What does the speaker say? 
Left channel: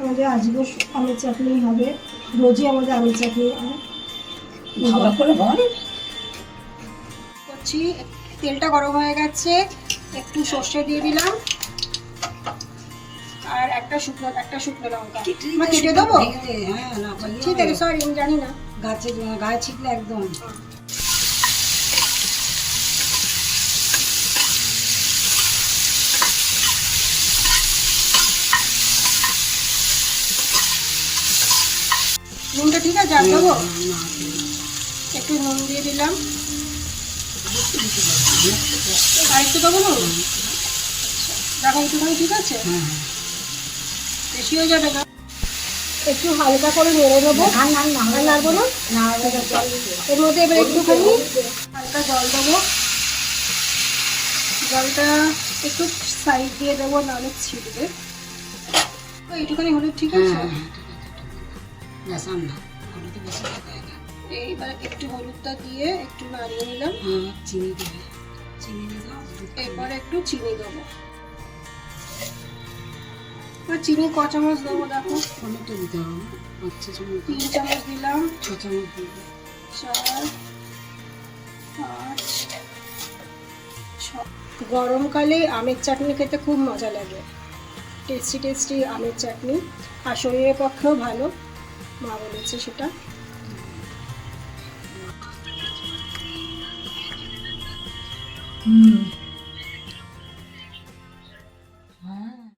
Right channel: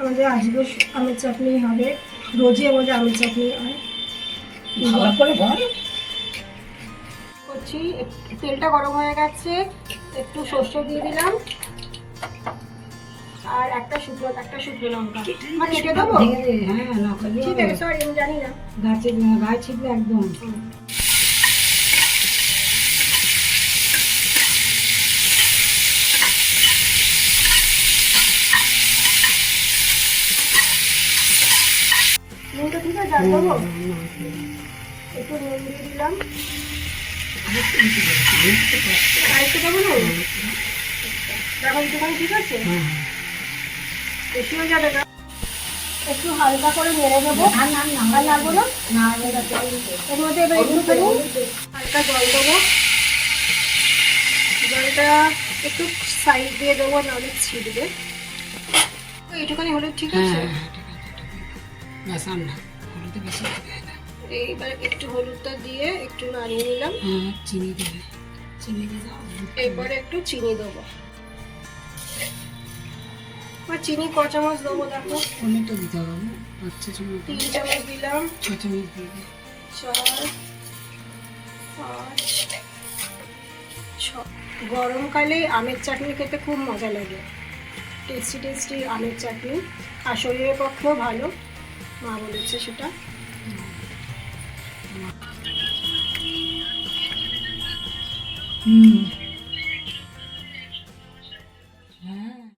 আমাদের আজকে আমের চাটনি হবে, রোজই আমাদের আমের চাটনি হয়। ভালো করে বল। করছি, তেলটা গরম হয়ে গেছে, একটু সর্ষে দিয়ে দিলাম আর একটা শুকনো লঙ্কা। মা কেটে দেবো? হ্যাঁ, না করলে ঠিক আছে, সরি আমি জানি না। গায়ে ছিটলে একদম। নুনটা ঠিক আছে, আর দেবো? একটু নুন দিয়ে দিলাম। আরেকটু দেবো না? দেখো একটুখানি ঠিক আছে, বেশি হয়ে যাবে না। একটু হালকা করে নেড়ে দেবো। আর নাড়বো না? এর মধ্যে এবার একটুখানি হালকা জল দেবো। জলটা একটু সাইড দিয়ে দেবো, নাহলে ছিটবে। একটুখানি হলে ঠিক আছে। এইবার একটু হলুদটা দিয়ে একটু নাড়িয়ে নিলাম। চিনি দেবে, এরপরে একটু চিনি দেবো। আর চিনি ক চামচ দেবো দেখো? টমেটো দিতে হবে না? আচ্ছা, 3 চামচ দিলাম। 6 চামচ দিবে। 4, 5, 6। গরমকালে আমের চাটনি খেতে খুব মজা লাগে। টেস্টি আমের চাটনি, আর শরীরের পক্ষেও ভালো, মা বলেছে সেটা। হুম।